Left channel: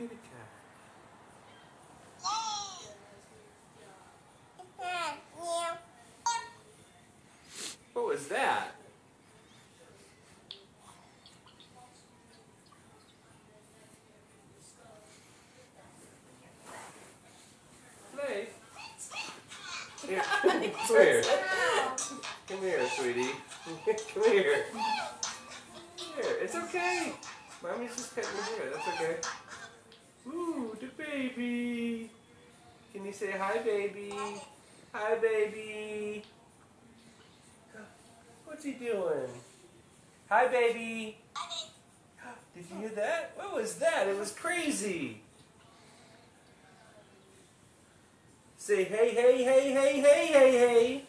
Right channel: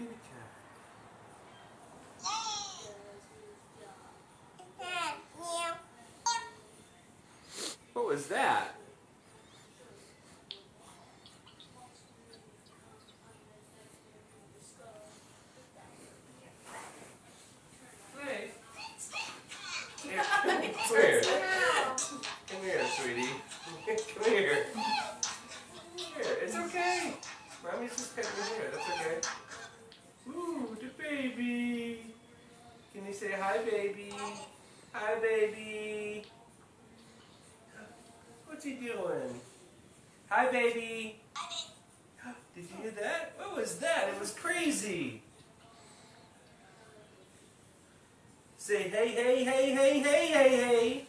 kitty cat. What was that? Play. Here, come here. Come here, sweetie. Come here. Here, it's okay. Mommy's just petting you here. That's okay. Ooh, the baby. Can you say hi, baby? Hi, baby. What's he doing? Hi, baby. Did you hear that? What was that? It was crazy. Say hey, hey, hey, hey, hey, hey, hey.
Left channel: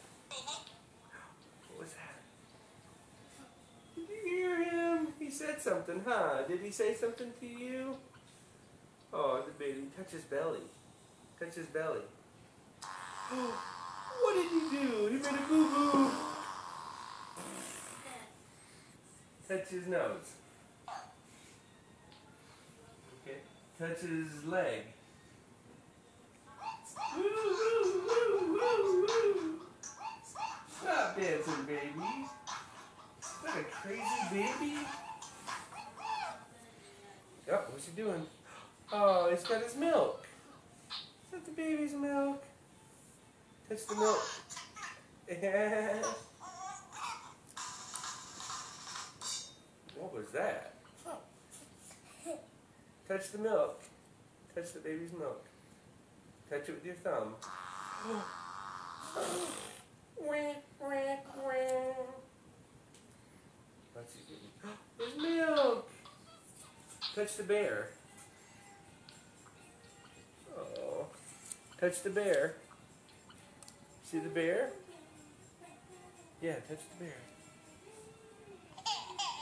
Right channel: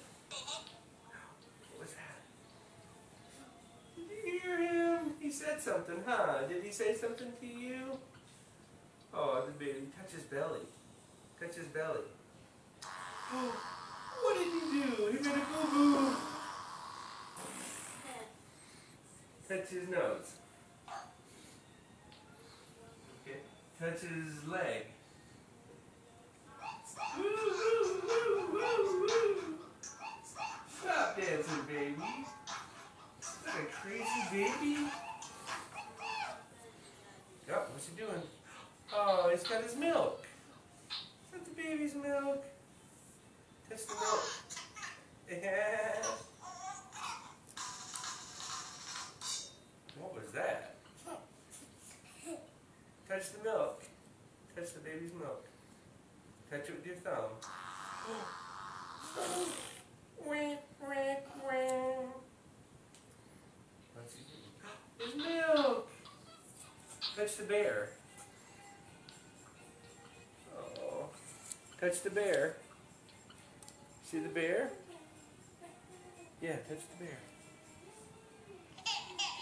What was that? Did you hear him? He said something, huh? Did he say something to you? Oh, the baby. Touch his belly. Touch his belly. What did he do? He made a boo-boo. Touch his nose. Okay. Touch his leg. Woo, woo, woo, woo, woo. Stop dancing, baby. Is that a crazy baby? Oh, what's he doing? Oh, he's got his milk. Is that the baby's milk? Touch the milk. Yeah. What was that? Touch the milk. Touch the baby's milk. Touch it with your thumb. What's he doing? His milk! Touch the bear. Oh. Touch the bear. See the bear? Yeah, touch the bear.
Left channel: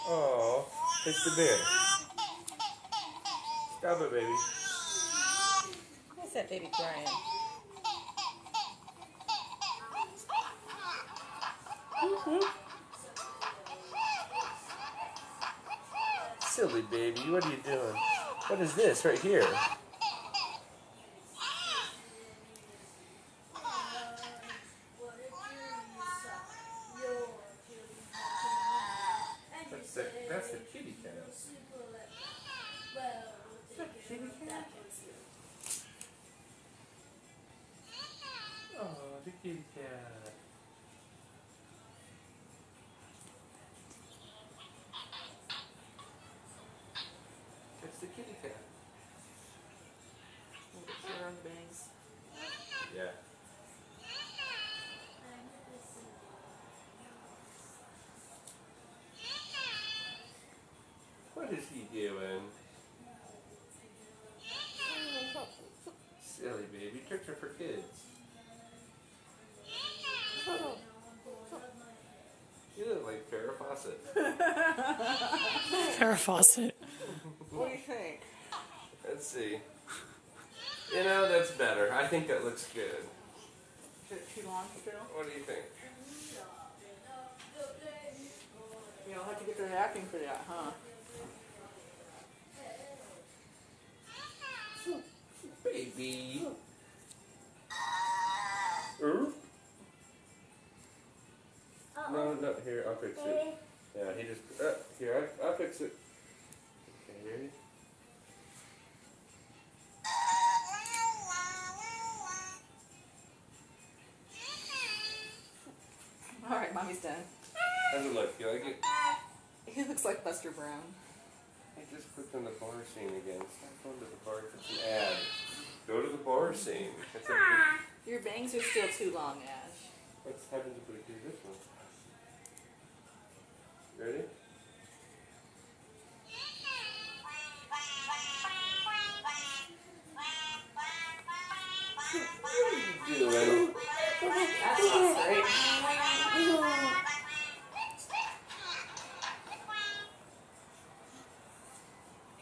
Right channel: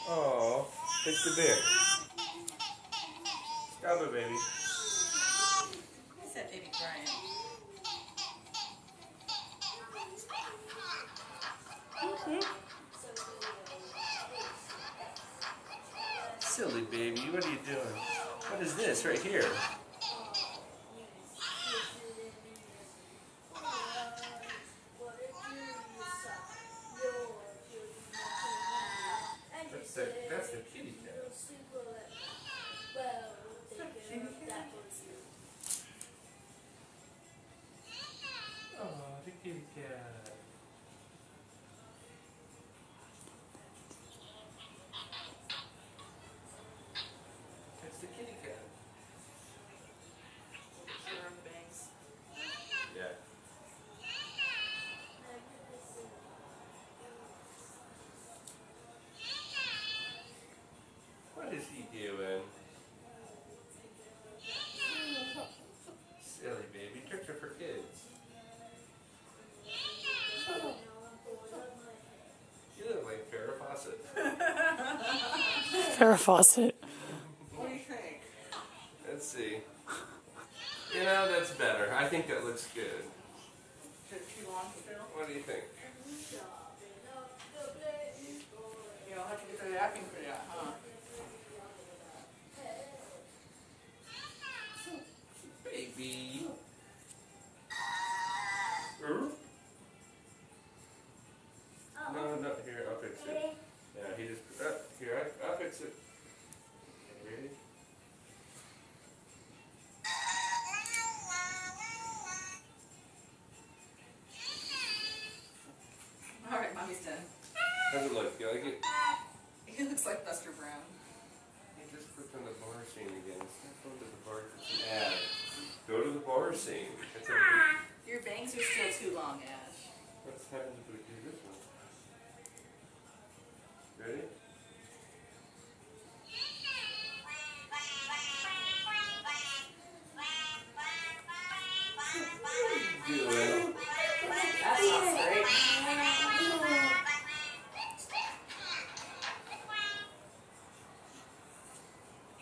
Oh, touch the bear. Stop it, baby. What's that baby crying? Silly baby, what are you doing? What is this right here? That's the kitty cat. That's the kitty cat. Oh, the kitty cat. That's the kitty cat. Around the bangs. Yeah. What is he doing? Silly baby, tricks are for kids. You look like Farrah Fawcett. Farrah Fawcett. What do you think? Let's see. You know, that's better. I think that looks good. Is it too long still? What do you think? You don't have to get the wrapping for that, huh? Baby. No, here, I'll fix it. Yeah, he just, here, I'll fix it. Okay, ready? Alright, mommy's done. How's it look? You like it? He looks like Buster Brown. He just clicked on the bar scene again. Stop going to the bar. It's an ad. Go to the bar scene. That's Your bangs are still too long, Ash. What's happened if we do this one? Ready? What are you doing? That's not great.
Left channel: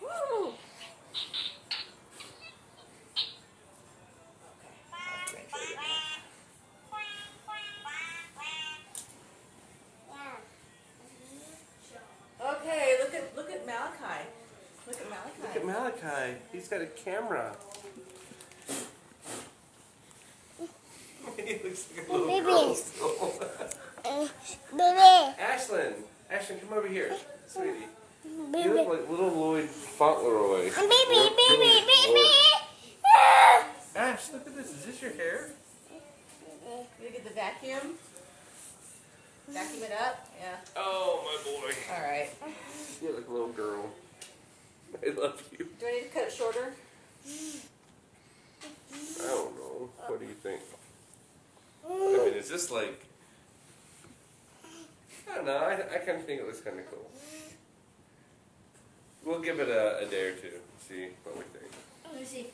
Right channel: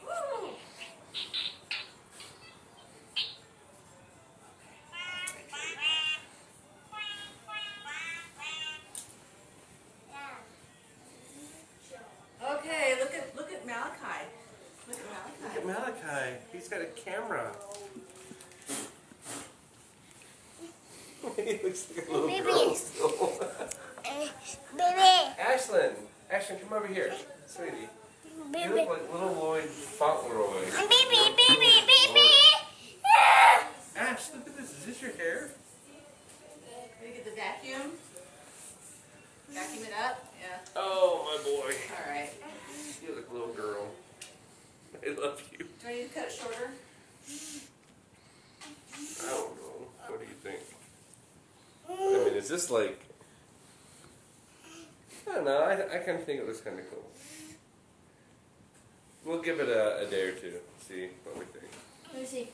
Woo! Malachi. He's got a camera. He looks like a little girl still. Baby. Ashlyn, come over here, sweetie. You look like little Lloyd Fauntleroy. Baby. Ash, look at this. Is this your hair? Can you get the vacuum? Vacuum it up? Yeah. Oh, my boy. All right. You look like a little girl. I love you. Do I need to cut it shorter? I don't know. What do you think? I mean, is this like... I don't know. I kind of think it looks kind of cool. We'll give it a day or two. See what we think. Let me see.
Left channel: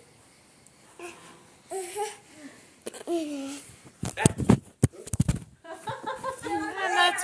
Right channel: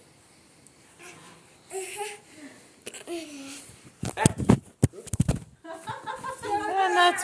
That's